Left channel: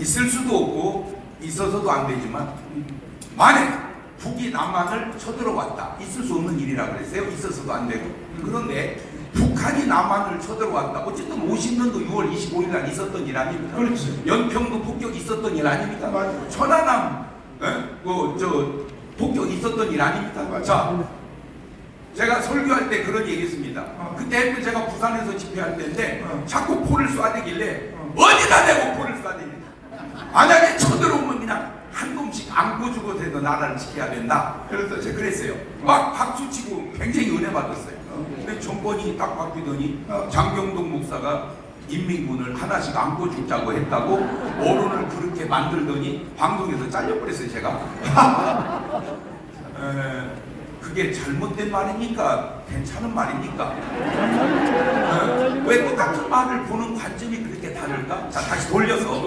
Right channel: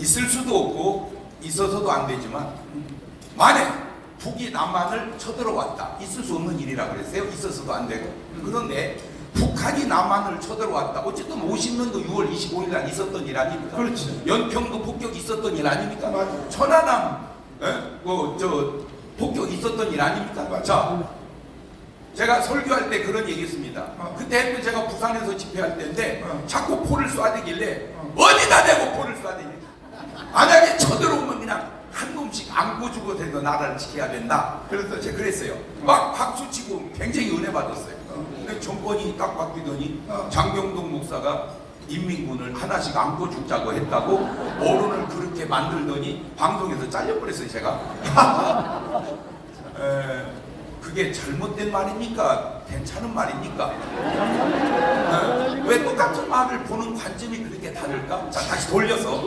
있을 수도 없고 있어서도 안 되지만 만약 북이 남한을 쳐들어왔다. 있을 수 없는 일이라 그랬어요. 있어서도 안 되고. 그런데 북한이 남한을 쳐들어왔다. 어쨌든 50년도 6월 25일 날 있었던 일 아닙니까? 그렇지. 연평도 폭격 있었던 일 아닙니까? 맞아요. 천안함 폭격 있었던 일 아닙니까? 맞아요. 자, 제가 설교할 때 그런 얘기했습니다. 그때 제가 부산에서 집회할 때인데 자꾸 포를 쏴대길래 어디다 대고 포를 쏴대냐. 만약에 쳐들어오면 그냥 한 놈씩 안고 죽어도 나라를 지켜야 된다. 그래서 제가 그랬어요. 막 박수치고 굉장히 은혜 받았어요. 근데 정권이 딱 바뀌더니 장경동 목사가 인민군을 하나씩 안고 죽자고 했다고 언론을 그렇게 만들더니 방송에서 잘려버렸어요. 제가. 그게 잘못된 말입니까? 괜찮은 말입니까? 왜 똑같은 말을 보는 관점이 그렇게 다를까? 자, 다시 돌려서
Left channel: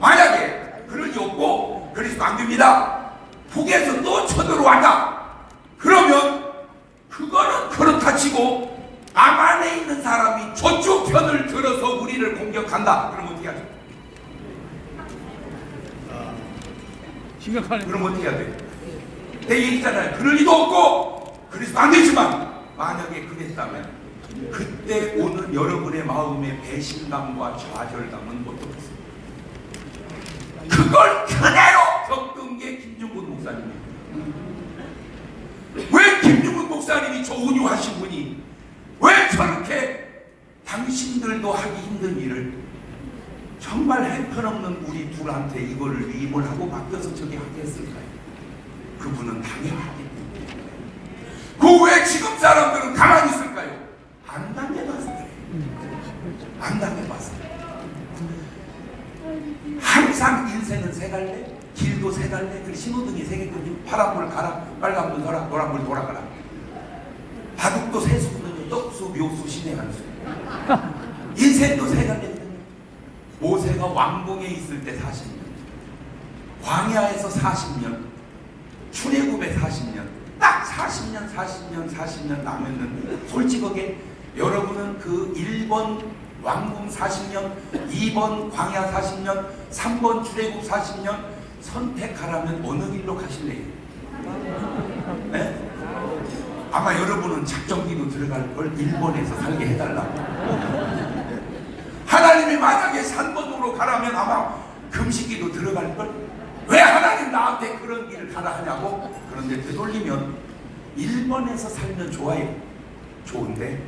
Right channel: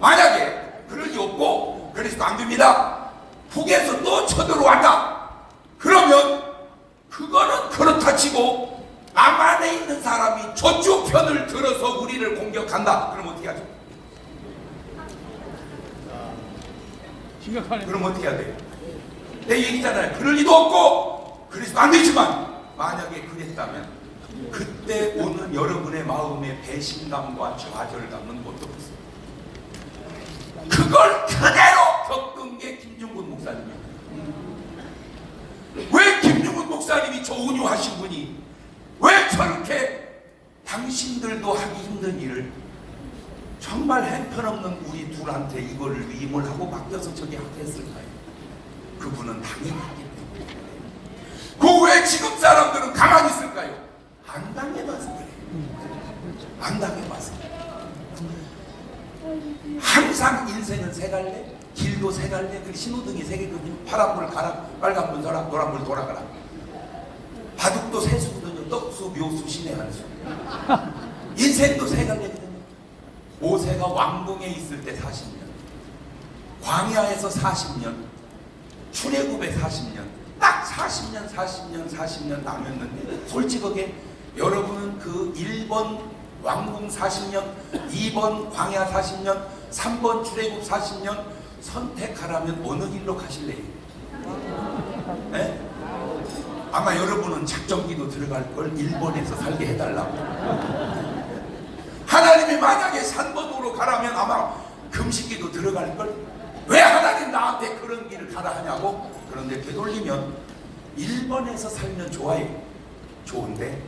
만약에 그럴 리 없고 그래서도 안 됩니다. 북에서 또 쳐들어왔다. 그러면 그거는 그렇다 치고 남한에 있는 사람이 저쪽 편을 들어서 우리를 공격한다. 그럼 어떻게 하죠? 심각하네. 그럼 어떻게 해야 돼요? 내 얘기잖아요. 그럴 리도 없고 그래서 안 되지만 만약에 그랬다면 그때 오는 여러분의 마음의 배신감과 좌절감은 어떻겠어요? 그걸 그대로 겪은 게 김중근 목사님이에요. 왜 김중근 목사님이 저 온유하신 분이 왜 저렇게 당신들도 하기 힘든 일을 정말 형편없는 우리 둘한테 이거를 위임을 하고 맡겨서 저기 하게 했을까요? 그분은 당연하기 때문에. 그 왜 지금 사람들은 가만히 있을까요? 안 당해봐서 그래요. 안 당해봐서. 항상 인생은 세 갈래, 길도 세 갈래, 그리고 신호등이 세 개거든요. 파란불 가라, 빨간불 돌아, 노란불 돌아가라. 바둑도 세 수거든요. 떡수, 묘수, 신의 한수. 인생도 세 갈래거든요. 모세가 왕궁에 있을 때 40년, 광야에서 40년, 출애굽에 40년, 딱 40년 남았는데 솔직하게 여러분은 그 1번 왕궁 40년, 2번 광야 40년, 3번 출애굽 40년 선택하라면 어느 길로 가실래요? 네? 아마 여러분은 작정기도 들어갈 걸 1번에서 살게 해달라고. 하나님이 만약에 3번으로 가라면 아마 금식기도 들어갈 걸. 왜 하나님 나한테 그런 길을 가라 하냐고. 그런데 되돌리면 1번에서 살면 좋아요. 좋은데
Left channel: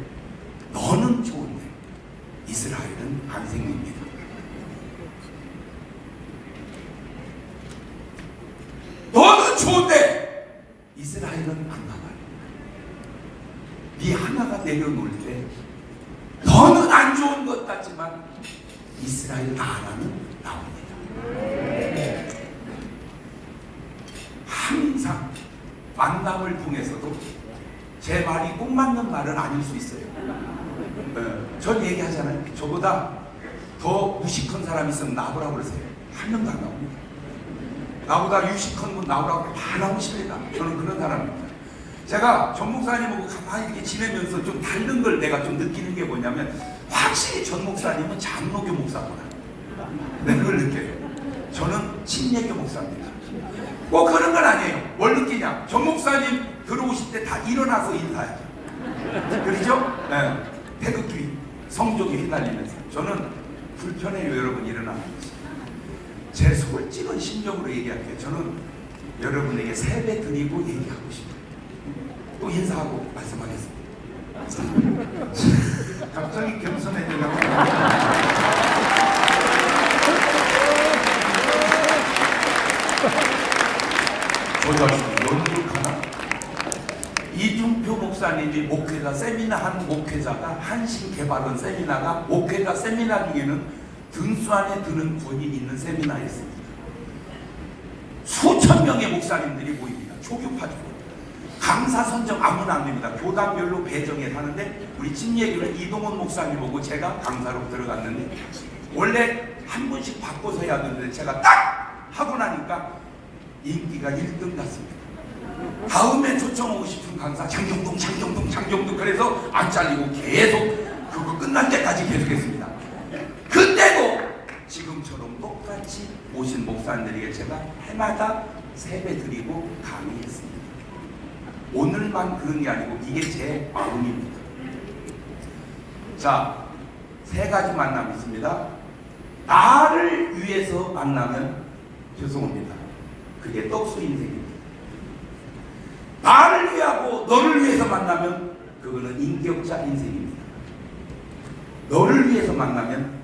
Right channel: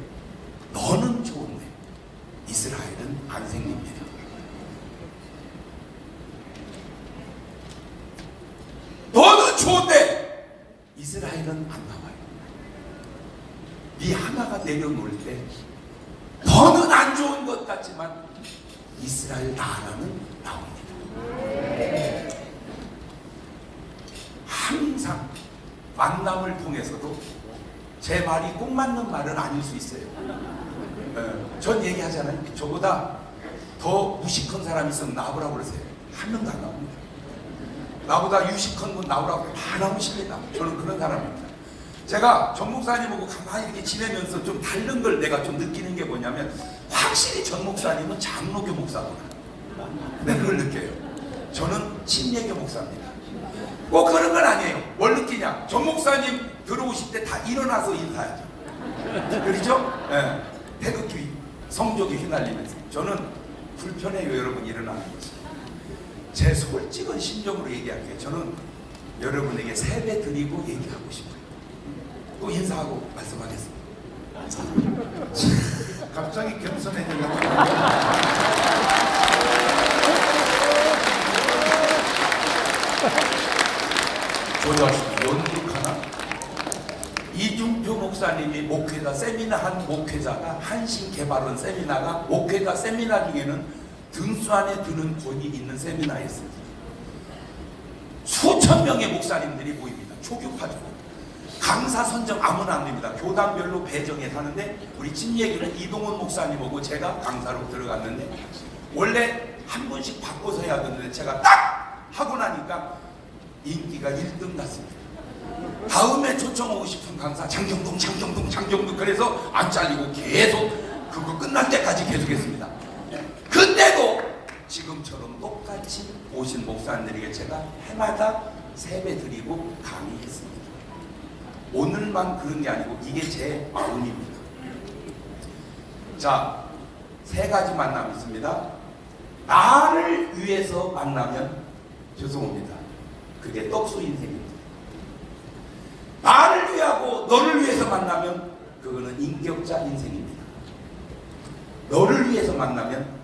너는 좋은데 이스라엘은 안 생깁니다. 너는 좋은데 이스라엘은 안 나와요. 네 하나가 내려놓을 때 너는 안 좋은 것 같지만 이스라엘 나라는 나옵니다. 항상 만남을 통해서도 제 말이 꼭 맞는 말은 아닐 수 있어요. 전 얘기하잖아요. 저보다 더 무식한 사람이 있으면 나오라고 그러세요. 한 명도 안 나옵니다. 나보다 유식한 분 나오라고 다 나오십니다. 저는 그런 사람입니다. 제가 전 목사님하고 가만히 이렇게 지내면서 좀 다른 걸 내가 좀 느끼는 게 뭐냐면 확실히 전 목사님은 장로교 목사구나. 네, 그걸 느껴요. 저는 침례교 목사입니다. 꼭 그런 건 아니에요. 뭘 느끼냐? 전 목사님 들어오실 때 다 일어나서 인사해요. 그렇죠? 네. 태극기, 성적에 휘날리면서. 저는 불편해요. 여러분 일어나는 것이. 제 솔직한 심정으로 얘기할게요. 저는 여러분에게 세배 드리고 얘기하고 싶어요. 또 인사하고 말씀하겠습니다. 갑자기 겸손해지려고. 조자식 연극하나? 이중표 목사님이 목회자 세미나 한 목회자가 한신개발원 세미나가 목회자 세미나 중에는 등수 안에 드는 권익이 있는 세미나였습니다. 수천 명의 목사님들이 모입니다. 초교파죠. 강사 선정 아무나 안 됩니다. 교단별로 배정해 사는데 우리 침례교는 이동훈 목사님하고 제가 강사로 들어갔는데 원래 한 분씩 바꿔서 해야 되는데 제가 딱 하고 나니까 인기가 1등 났습니다. 다음에 초청하고 싶은 강사 장경동 그래서 안 잘리고 계속 그거 끝날 때까지 계속했습니다. 그때도 지금처럼 똑같이 오신 목사님들에게 제가 해마다 세배 드리고 강의했습니다. 오늘만 그런 게 아니고 이게 제 마음입니다. 자, 세 가지 만남이 있습니다. 나를 위해서 만나면 죄송합니다. 그게 떡수 인생입니다. 나를 위하고 너를 위해서 만나면 그거는 인격자 인생입니다. 너를 위해서 만나면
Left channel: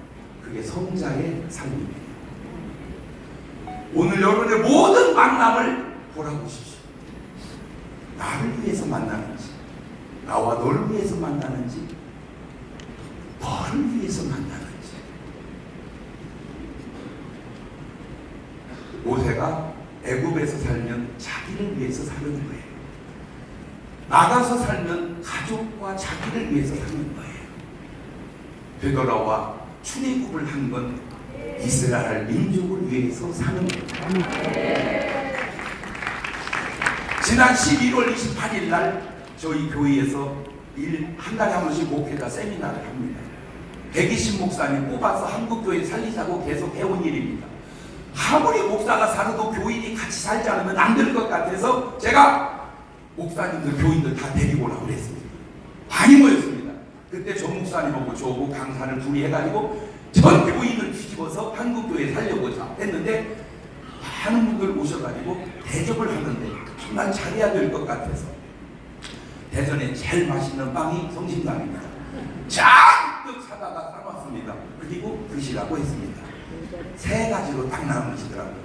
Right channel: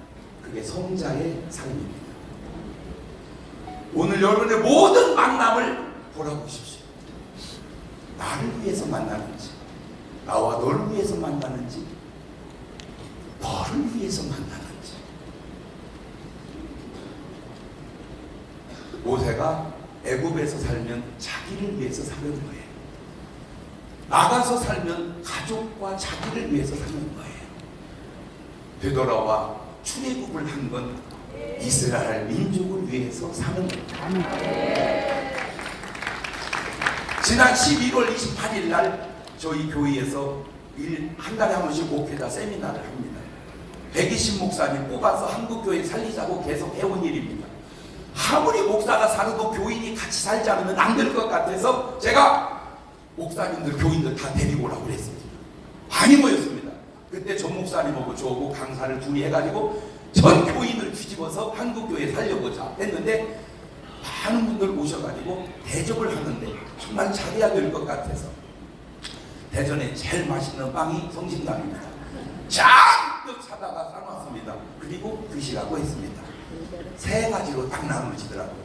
그게 성자의 삶입니다. 오늘 여러분의 모든 만남을 돌아보십시오. 나를 위해서 만나는지, 나와 너를 위해서 만나는지, 너를 위해서 만나는지. 모세가 애굽에서 살면 자기를 위해서 사는 거예요. 나가서 살면 가족과 자기를 위해서 사는 거예요. 되돌아와 출애굽을 한 건 이스라엘 민족을 위해서 사는 거예요. 지난 11월 28일 날 저희 교회에서 한 달에 한 번씩 목회자 세미나를 합니다. 120 목사님 뽑아서 한국교회 살리자고 계속 해온 일입니다. 아무리 목사가 살아도 교인이 같이 살지 않으면 안 될 것 같아서 제가 목사님들, 교인들 다 데리고 오라고 그랬습니다. 많이 모였습니다. 그때 전 목사님하고 저하고 강사를 둘이 해가지고 전 교인을 뒤집어서 한국교회 살려보자 했는데 많은 분들 오셔가지고 대접을 하는데 정말 잘해야 될 것 같아서 대전에 제일 맛있는 빵이 성심당입니다. 잔뜩 사다가 싸놨습니다. 그리고 드시라고 했습니다. 세 가지로 딱 나누시더라고요.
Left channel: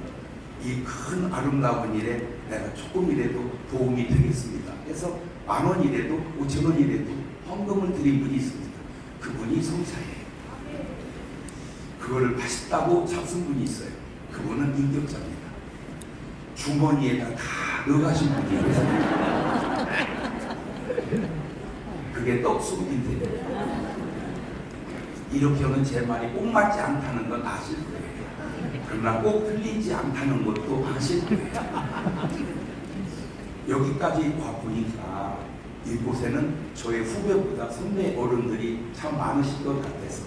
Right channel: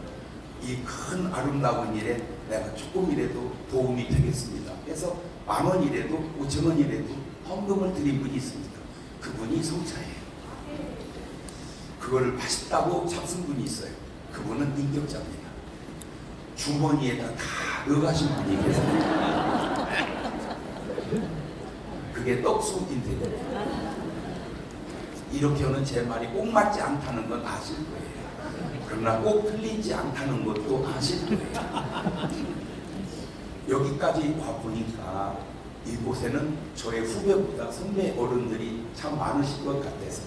이 큰 아름다운 일에 내가 조금이라도 도움이 되겠습니다. 그래서 10,000원이라도 5,000원이라도 헌금을 드린 분이 있습니다. 그분이 성자예요. 그거를 맛있다고 잡순 분이 있어요. 그분은 인격자입니다. 주머니에다 다 넣어가신 분이 계세요. 그게 떡수 인생입니다. 이렇게 하는 제 말이 꼭 맞지 않다는 건 아실 거예요. 그러나 꼭 틀리지 않다는 것도 아실 거예요. 여기까지 와보니까 이곳에는 저의 후배보다 선배 어른들이 참 많으실 것 같아서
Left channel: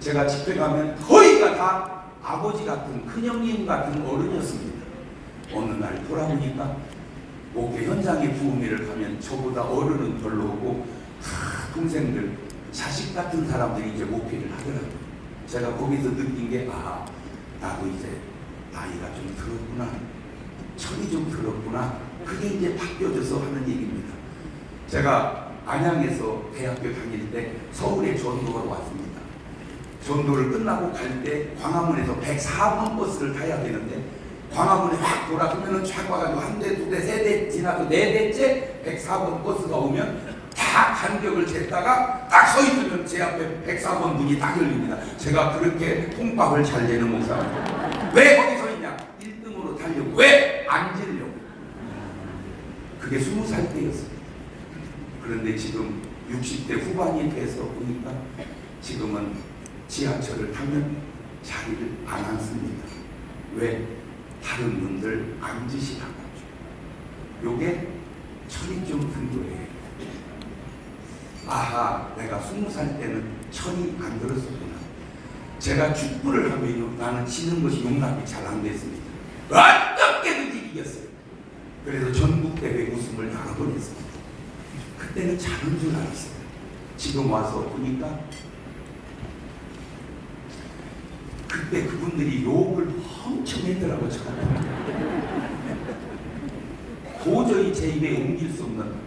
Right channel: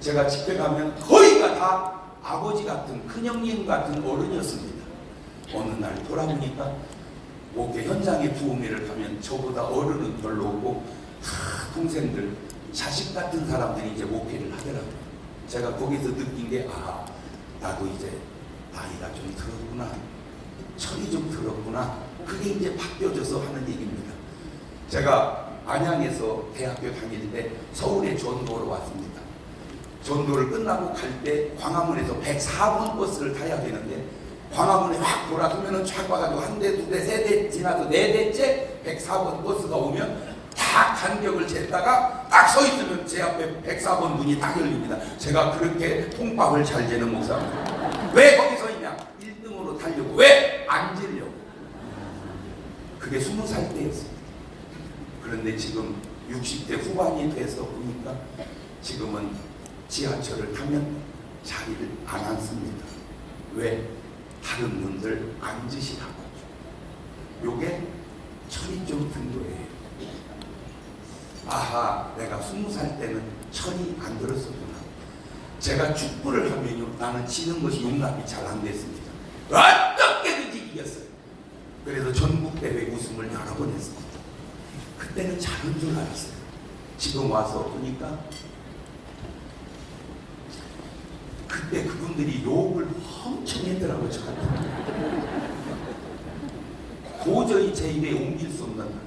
제가 집회 가면 거의가 다 아버지 같은 큰형님 같은 어른이었습니다. 어느 날 돌아보니까 목회 현장에 부흥회를 가면 저보다 어른은 별로 없고 동생들, 자식 같은 사람들이 이제 목회를 하더라고요. 제가 거기서 느낀 게 나도 이제 나이가 좀 들었구나, 철이 좀 들었구나. 그게 이제 바뀌어져서 하는 얘기입니다. 제가 안양에서 대학교 다닐 때 서울에 전도로 왔습니다. 전도를 끝나고 갈 때 광화문에서 104번 버스를 타야 되는데 광화문에 확 돌아서면은 쫙 와가지고 한 대, 두 대, 세 대 지나서 네 대째 104번 버스가 오면 다 간격을 쟀다가 딱 서 있으면 제 앞에 104번 문이 딱 열립니다. 제가 그렇게 통밥을 잘 재는 목사입니다. 왜 거기 서 있냐? 1등으로 타려고. 왜? 앉으려고. 그게 20살 때였어요. 그런데 지금 60대 후반이 돼서 보니까 지금은 지하철을 타면 자리를 안 앉습니다. 왜? 다른 분들 앉으시라고. 요게 철이 좀 든 거예요. 내가 20살 때는 철이 안 들었었구나. 제가 축구를 하면요, 나는 지는 것이 용납이 잘 안 됐습니다. 어떻게든지 이겼어요. 그래서 전국대회 우승을 여러 번 했습니다. 그때는 잘한 줄 알았어요. 지금 와서 보니까 그때 그분들이 욕을 엄청 했더라고요. 도저히 제 입에 옮길 수 없는.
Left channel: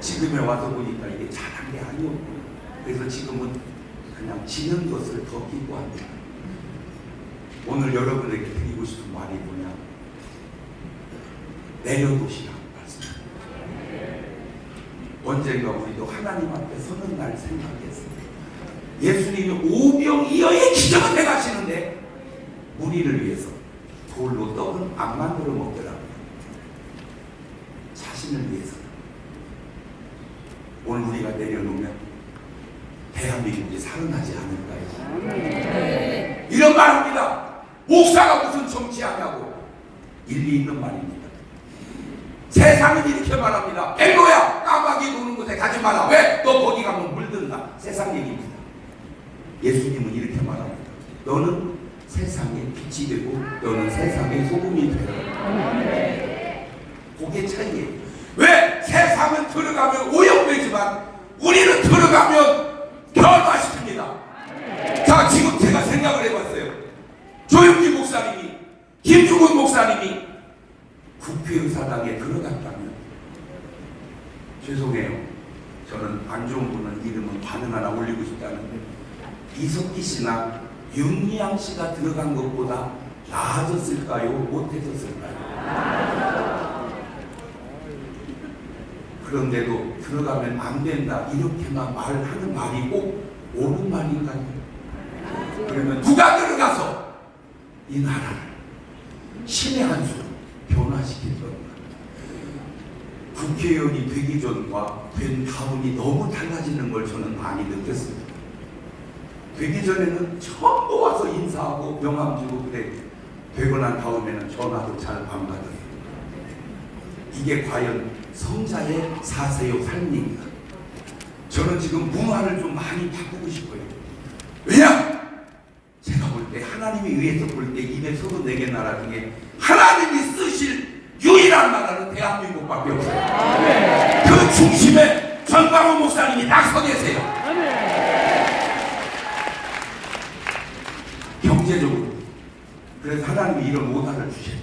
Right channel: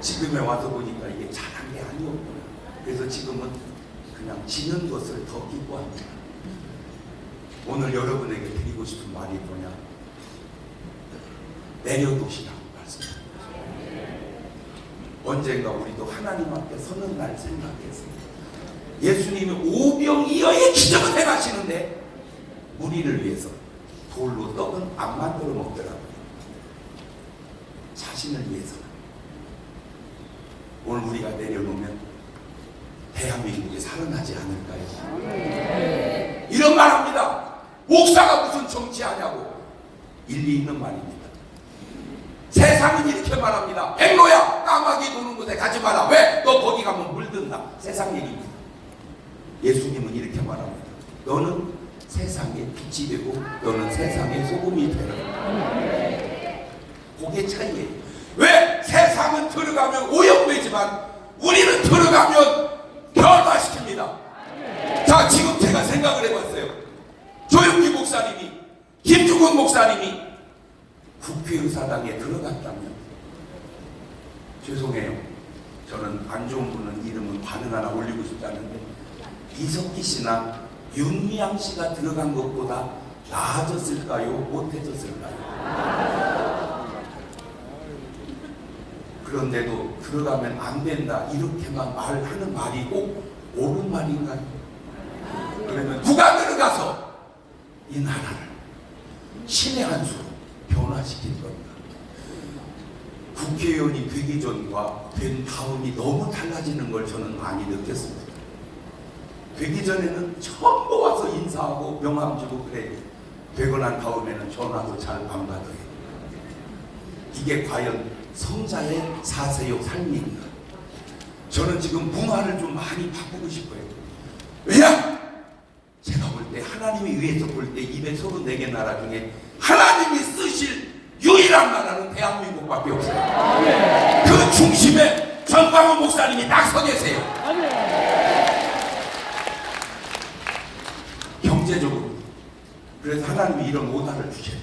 지금에 와서 보니까 이게 잘한 게 아니었구나. 그래서 지금은 그냥 지는 것을 더 기뻐합니다. 오늘 여러분에게 드리고 싶은 말이 뭐냐? 내려놓으시라고 말씀합니다. 언젠가 우리도 하나님 앞에 서는 날 생각했습니다. 예수님이 오병이어의 기적을 행하시는데 우리를 위해서 돌로 떡은 안 만들어 먹더라고요. 자신을 위해서. 오늘 우리가 내려놓으면 대한민국이 살아나지 않을까요? 이런 말 합니다. 목사가 무슨 정치하냐고. 일리 있는 말입니다. 세상은 이렇게 말합니다. 벨로야, 까마귀 노는 곳에 가지 마라. 왜? 너 거기 가면 물든다. 세상 얘기입니다. 예수님은 이렇게 말합니다. 너는 세상의 빛이 되고 너는 세상의 소금이 되라. 그게 차이예요. 왜? 세상은 들어가면 오염되지만 우리는 들어가면 변화시킵니다. 자, 지금 제가 생각을 해봤어요. 조영기 목사님이, 김주근 목사님이 국회의사당에 들어갔다면, 죄송해요, 저는 안 좋은 분은 이름은 반응 하나 올리고 싶다는데, 이석기 씨나 윤미향 씨가 들어간 것보다 나아졌을까요? 못해졌을까요? 그런데도 들어가면 안 된다 이렇게만 말하는 말이 꼭 옳은 말인가요? 그러면 누가 들어가서 이 나라를 신의 한 수로 변화시킬 건가? 국회의원이 되기 전과 된 다음이 너무 달라지는 걸 저는 많이 느꼈습니다. 되기 전에는 전부 와서 인사하고 명함 주고 그래. 되고 난 다음에는 전화도 잘 안 받아요. 이게 과연 성자의 사세요 삶인가? 저는 지금 문화를 좀 많이 바꾸고 싶어요. 왜냐? 제가 볼 때 하나님이 위해서 볼 때 234개 나라 중에 하나님이 쓰실 유일한 나라는 대한민국밖에 없어요. 그 중심에 전광훈 목사님이 딱 서 계세요. 경제적으로. 그래서 하나님이 이런 오다를 주셔요.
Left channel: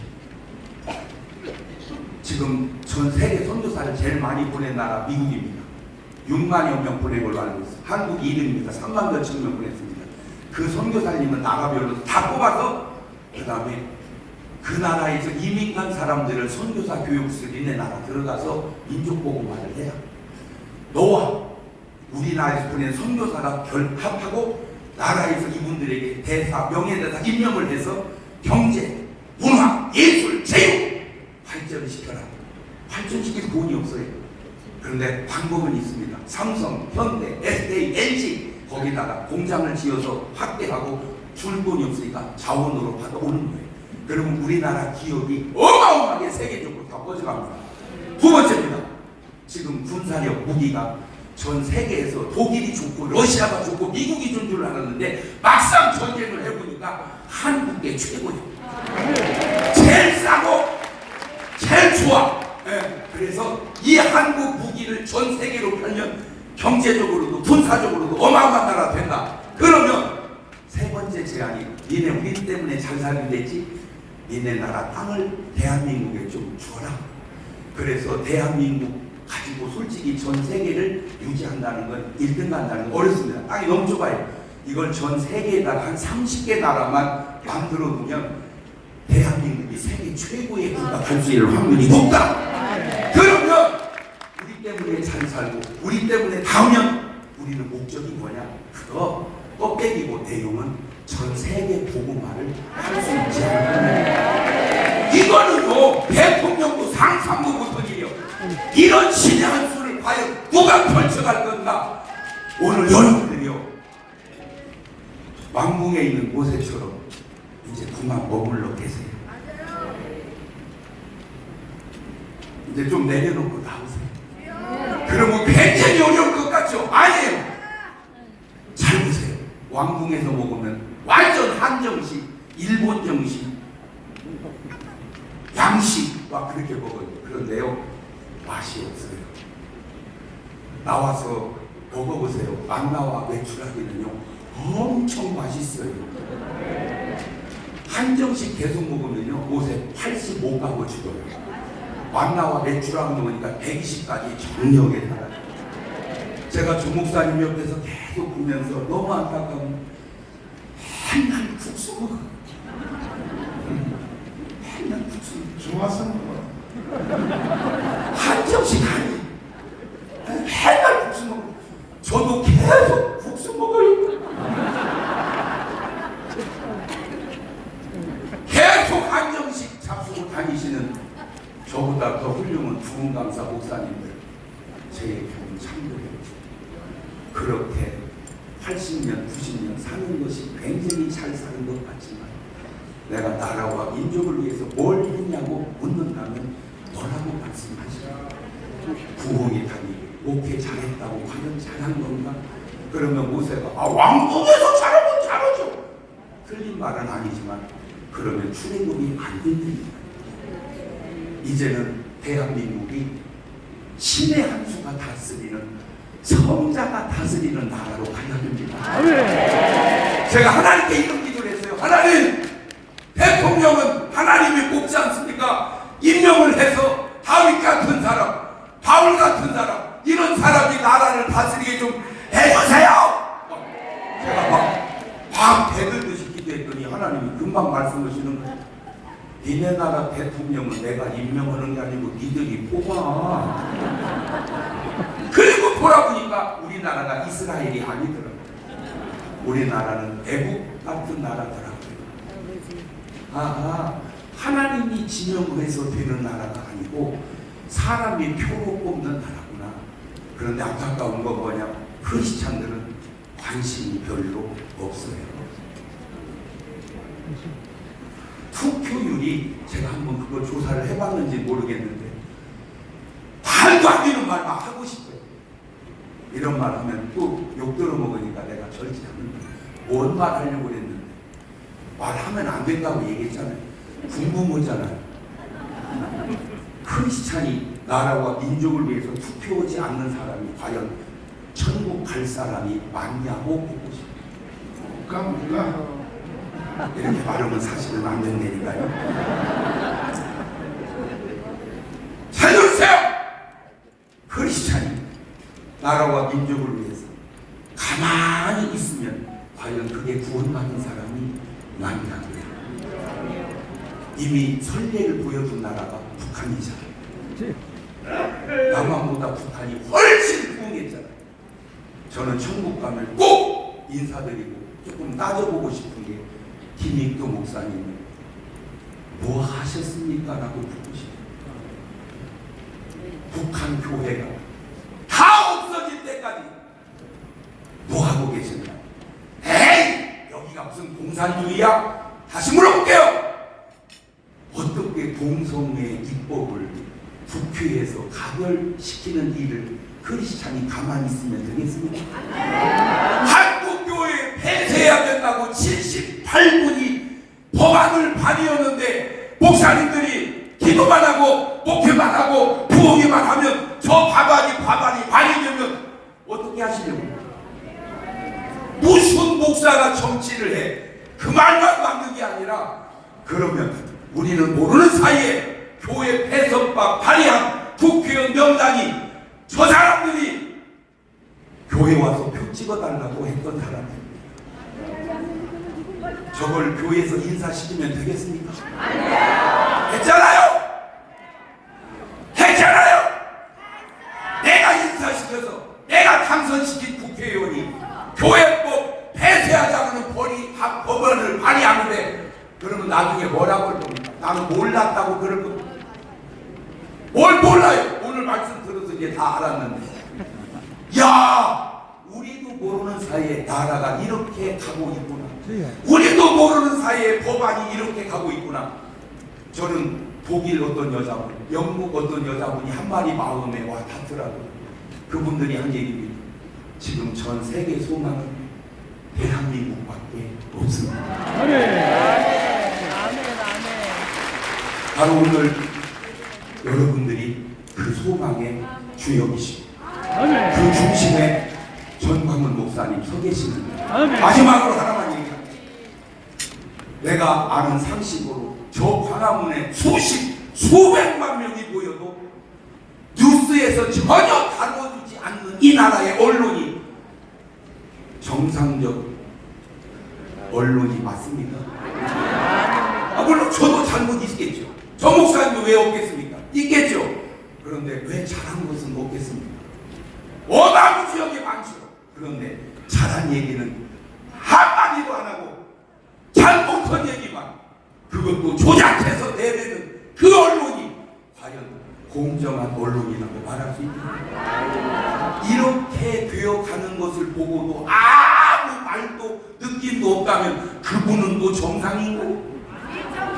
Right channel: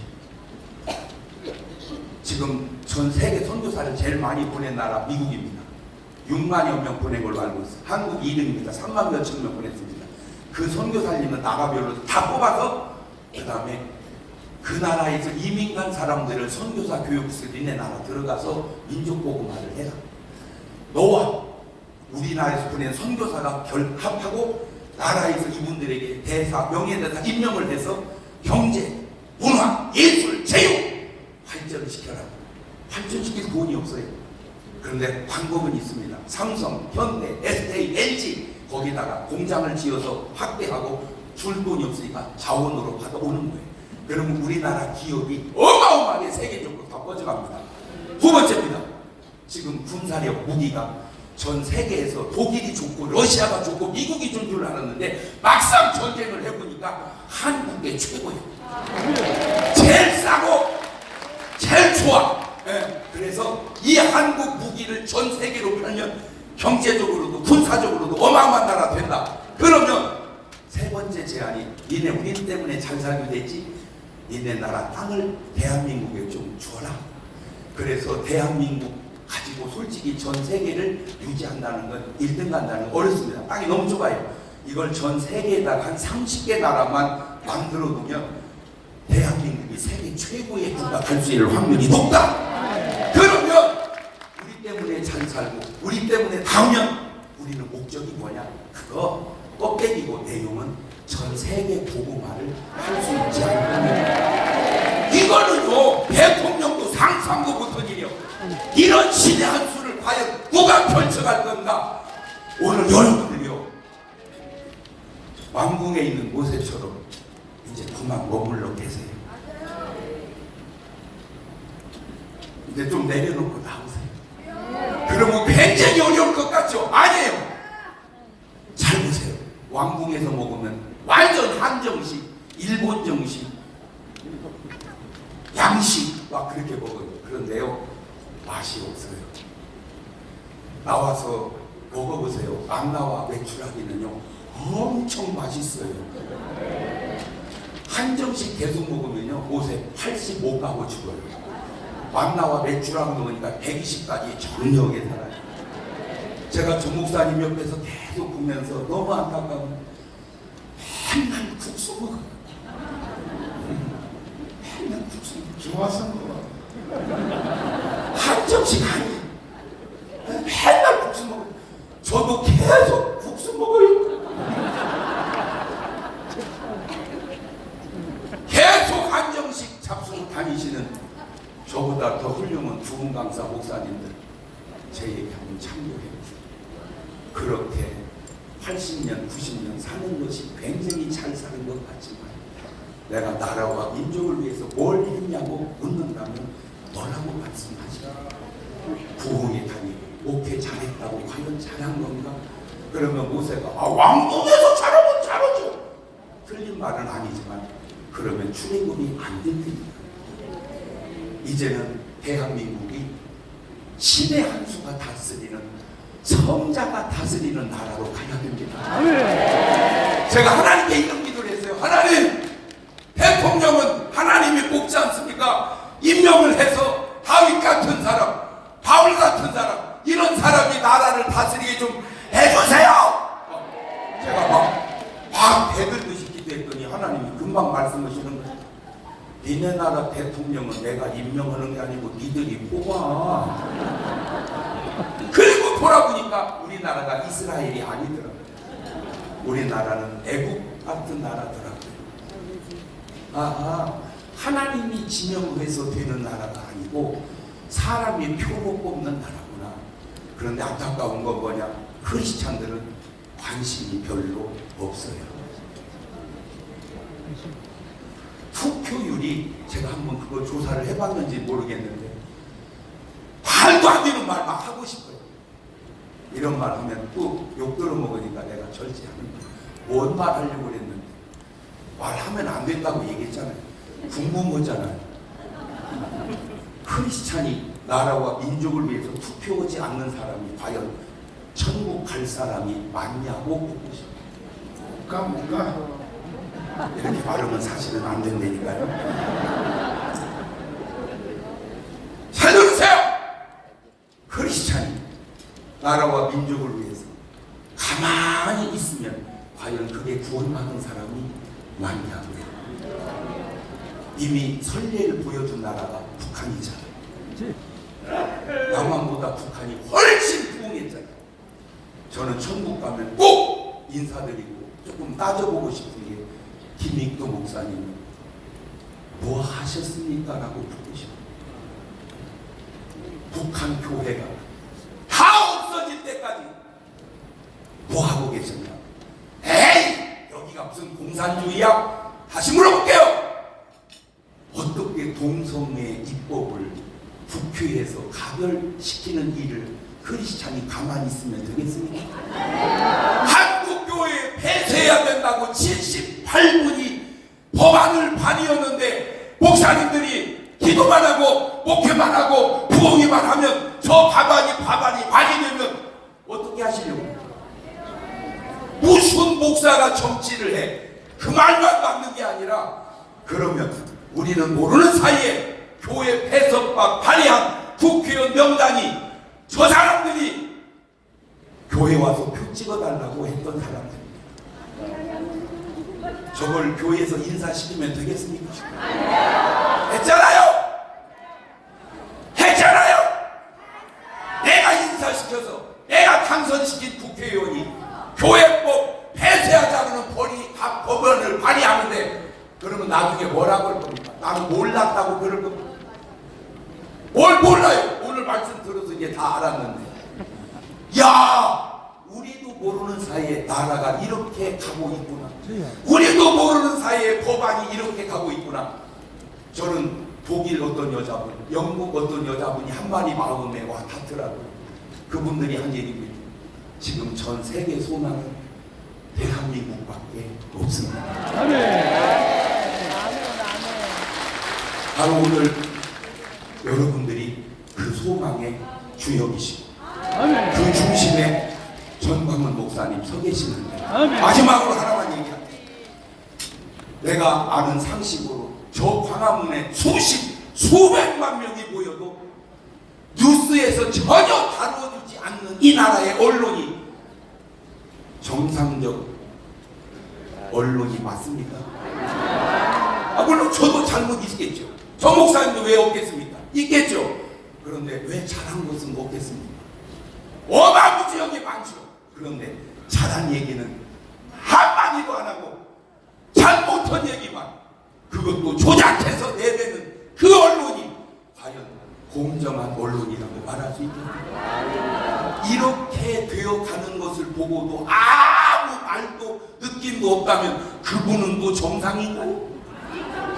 지금 전 세계 선교사를 제일 많이 보낸 나라 미국입니다. 6만여 명 보낸 걸로 알고 있어요. 한국이 1위입니다. 3만 몇천 명 보냈습니다. 그 선교사님은 나라별로 다 뽑아서 그 다음에 그 나라에서 이민 간 사람들을 선교사 교육실 니네 나라 들어가서 민족복음화를 해라. 너와 우리나라에서 보낸 선교사가 결합하고 나라에서 이분들에게 대사, 명예대사 임명을 해서 경제, 문화, 예술, 체육 발전을 시켜라. 발전시킬 돈이 없어요. 그런데 방법은 있습니다. 삼성, 현대, SK, LG 거기다가 공장을 지어서 확대하고 줄 돈이 없으니까 자원으로 받아오는 거예요. 그러면 우리나라 기업이 어마어마하게 세계적으로 더 꺼져갑니다. 두 번째입니다. 지금 군사력 무기가 전 세계에서 독일이 좋고 러시아가 좋고 미국이 좋은 줄 알았는데 막상 전쟁을 해보니까 한국이 최고예요. 제일 싸고 제일 좋아. 그래서 이 한국 무기를 전 세계로 팔면 경제적으로도 군사적으로도 어마어마한 나라 된다. 그러면 세 번째 제안이 니네 우리 때문에 잘 살게 됐지? 니네 나라 땅을 대한민국에 좀 줘라. 그래서 대한민국 가지고 솔직히 전 세계를 유지한다는 건 1등 간다는 건 어렵습니다. 땅이 너무 좁아요. 이걸 전 세계에다가 한 30개 나라만 만들어 놓으면 대한민국이 세계 최고의 국가 될 수 있는 확률이 높다. 그러면 우리 때문에 잘 살고 우리 때문에 닿으면 우리는 목적이 뭐냐? 그거 껍데기고 내용은 전 세계 복음화를 할 수 있지 않나. 이거는요 대통령도 상상도 못한 일이요. 이런 신의 한 수를 과연 누가 펼쳐갈 건가? 오늘 여러분들이요 왕궁에 있는 모세처럼 이제 그만 머물러 계세요. 이제 좀 내려놓고 나오세요. 그러면 굉장히 어려울 것 같죠? 아니에요. 잘 보세요. 왕궁에서 먹으면 완전 한정식, 일본 정식, 양식 막 그렇게 먹어요. 그런데요 맛이 없어요. 나와서 먹어보세요. 망나와 메추라기는요 엄청 맛있어요. 한정식 계속 먹으면요 옷에 85가고 죽어요. 망나와 메추라기 먹으니까 120까지 정력에 살아요. 제가 조 목사님 옆에서 계속 보면서 너무 안타까운 맨날 국수 먹어. 맨날 국수 좋아서 먹어. 한정식 아니. 맨날 국수 먹어. 저도 계속 국수 먹어요. 계속 한정식 잡수고 다니시는 저보다 더 훌륭한 두분 강사 목사님들 제 얘기 한번 참고해요. 그렇게 80년, 90년 사는 것이 굉장히 잘 사는 것 같지만 내가 나라와 민족을 위해서 뭘 했냐고 묻는다면 너라고 말씀하시라. 부흥의 단위 목회 잘했다고 과연 잘한 건가? 그러면 모세가 왕궁에서 자라면 자라죠. 틀린 말은 아니지만 그러면 출애굽이 안 된다니까. 이제는 대한민국이 신의 한 수가 다스리는 성자가 다스리는 나라로 가야 됩니다. 제가 하나님께 이런 기도를 했어요. 하나님, 대통령은 하나님이 뽑지 않습니까? 임명을 해서 다윗 같은 사람, 바울 같은 사람, 이런 사람이 나라를 다스리게 좀 해주세요. 제가 막 대들듯이 기도했더니 하나님이 금방 말씀하시는 거예요. 니네 나라 대통령은 내가 임명하는 게 아니고 니들이 뽑아. 그리고 돌아보니까 우리나라가 이스라엘이 아니더라고요. 우리나라는 애국 같은 나라더라고요. 하나님이 지명을 해서 되는 나라가 아니고 사람이 표로 뽑는 나라구나. 그런데 안타까운 건 뭐냐? 크리스찬들은 관심이 별로 없어요. 투표율이, 제가 한번 그거 조사를 해봤는지 모르겠는데 말도 안 되는 말 막 하고 싶어요. 이런 말 하면 또 욕 들어먹으니까 내가 절제합니다. 뭔 말 하려고 그랬는데 말하면 안 된다고 얘기했잖아요. 궁금하잖아요. 크리스찬이 나라와 민족을 위해서 투표하지 않는 사람이 과연 천국 갈 사람이 맞냐고 묻고 싶어요. 못 가. 이렇게 말하면 사실은 안 된다니까요. 살려주세요! 크리스찬이 나라와 민족을 위해서 가만히 있으면 과연 그게 구원받은 사람이 많냐고요. 이미 선례를 보여준 나라가 북한이잖아요. 남한보다 북한이 훨씬 부흥했잖아요. 저는 천국 가면 꼭 인사드리고 조금 따져보고 싶은 게 김익도 목사님 뭐 하셨습니까? 라고 묻고 싶어요. 북한 교회가 다 없어질 때까지 뭐 하고 계셨냐? 에이! 여기가 무슨 공산주의야? 다시 물어볼게요. 어떻게 동성애 입법을 국회에서 가결시키는 일을 크리스찬이 가만히 있으면 되겠습니까? 한국교회 폐쇄해야 된다고 78분이 법안을 발의하는데 목사님들이 기도만 하고 목회만 하고 부흥회만 하면 저 법안이 발의되면 어떻게 하시려고? 무슨 목사가 정치를 해? 그 말만 맞는 게 아니라 그러면 우리는 모르는 사이에 교회 폐쇄법 발의한 국회의원 명단이 저 사람들이 교회 와서 표 찍어달라고 했던 사람들, 저걸 교회에서 인사시키면 되겠습니까? 했잖아요! 했잖아요! 내가 인사시켜서 내가 당선시킨 국회의원이 교회법 폐쇄하자는 법안을 발의하는데 그러면 나중에 뭐라고 할 겁니까? 나는 몰랐다고 그럴 겁니다. 뭘 몰라요? 오늘 말씀 들어서 이제 다 알았는데, 야, 우리도 모르는 사이에 나라가 이렇게 가고 있구나. 우리도 모르는 사이에 법안이 이렇게 가고 있구나. 저는 독일 어떤 여자분, 영국 어떤 여자분이 한마디 마음에 와 닿더라고요. 그분들이 한 얘기입니다. 지금 전 세계 소망은 대한민국밖에 없습니다. 바로 오늘 여러분들이 그 소망의 주역이시고 그 중심에 전광훈 목사님 서 계시는데, 마지막으로 하나만 얘기할게요. 내가 아는 상식으로 저 광화문에 수백만 명이 모여도 뉴스에서 전혀 다뤄주지 않는 이 나라의 언론이 정상적 언론이 맞습니까? 물론 저도 잘못 있겠죠. 저 목사님도 왜 없겠습니까? 있겠죠. 그런데 왜 잘한 것은 없겠습니까? 어마무지하게 많죠. 그런데 잘한 얘기는 한마디도 안 하고 잘못한 얘기만, 그것도 조작해서 내뱉는 그 언론이 과연 공정한 언론이라고 말할 수 있습니까? 이렇게 되어가는 것을 보고도 아무 말도 느낌도 없다면 그분은 또 정상인가요?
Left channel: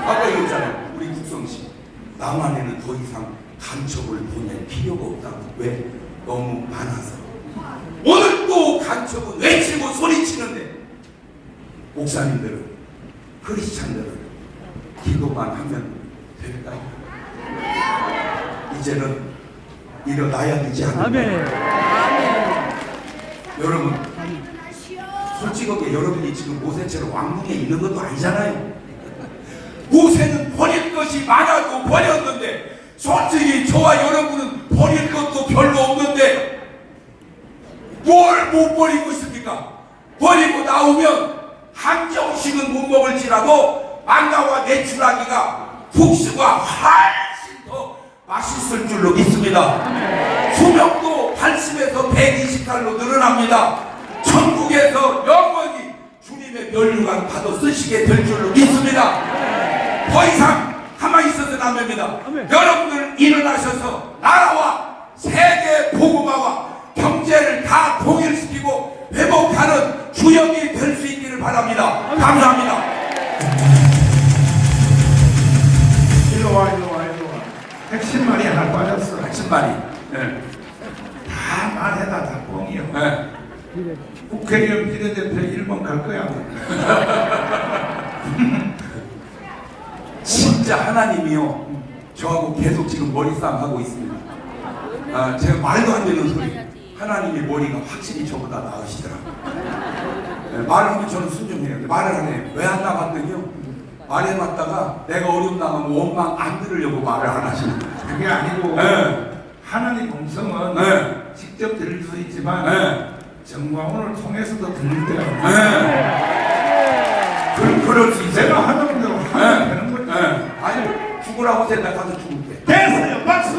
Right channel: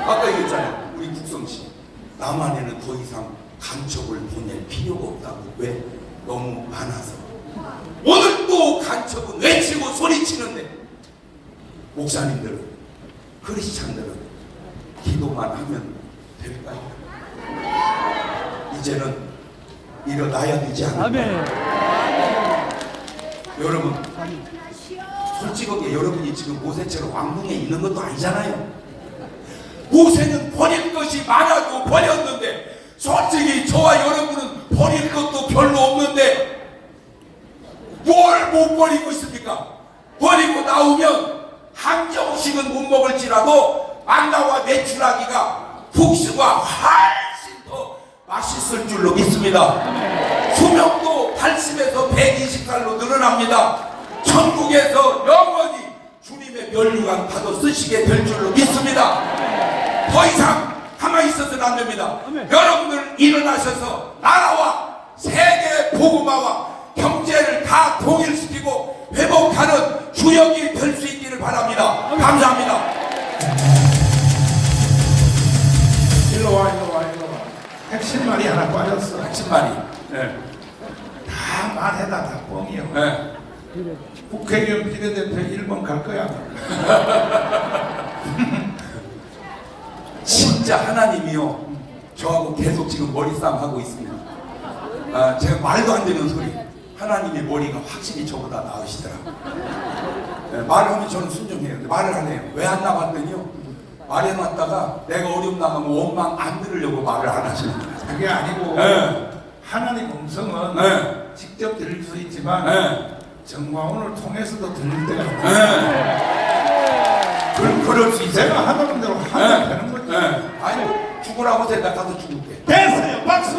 아까 얘기했잖아요. 우리 국성씨, 남한에는 더 이상 간첩을 보낼 필요가 없다고. 왜? 너무 많아서. 오늘 또 간첩은 외치고 소리치는데 목사님들은, 크리스찬들은 기도만 하면 될까요? 이제는 일어나야 되지 않을까요? 여러분, 솔직하게 여러분이 지금 모세처럼 왕궁에 있는 것도 아니잖아요. 모세는 버릴 것이 많아도 버렸는데, 솔직히 저와 여러분은 버릴 것도 별로 없는데 뭘 못 버리고 있습니까? 버리고 나오면 한정식은 못 먹을지라도 만나와 메추라기가 국수가 훨씬 더 맛있을 줄로 믿습니다. 수명도 80에서 120살로 늘어납니다. 천국에서 영원히 주님의 면류관 받아 쓰시게 될 줄로 믿습니다. 더 이상 가만히 있어서는 안 됩니다. 여러분들 일어나셔서 나라와 세계 복음화와 경제를 다 통일시키고 회복하는 주역이 될 수 있기를 바랍니다. 감사합니다. 일로 와. 핵심 말이 하나 빠졌어. 핵심 말이. 네. 다 말해다 다 뻥이요. 네. 국회의원 비례대표 1번 갈 거야. 진짜 하나님이요, 저하고 계속 지금 머리싸움 하고 있습니다. 제가 말도 안 되는 소리, 하나님의 머리가 확실히 저보다 나으시더라고요. 말하면 저는 순종해요. 말을 안 해요. 왜 안 나갔더니요, 말해놨다가 내가 어려움 나가면 원망 안 들으려고 말을 안 하시는 거예요. 그게 아니고 네. 하나님 음성은 네. 직접 들릴 수 있지만 네. 정광훈을 통해서도 들릴 때가 있어요. 그럴 수 있어요. 제가 하던 대로 하면 되는 거죠. 아니, 죽으라고 생각하서 죽을게. 됐어요. 박수.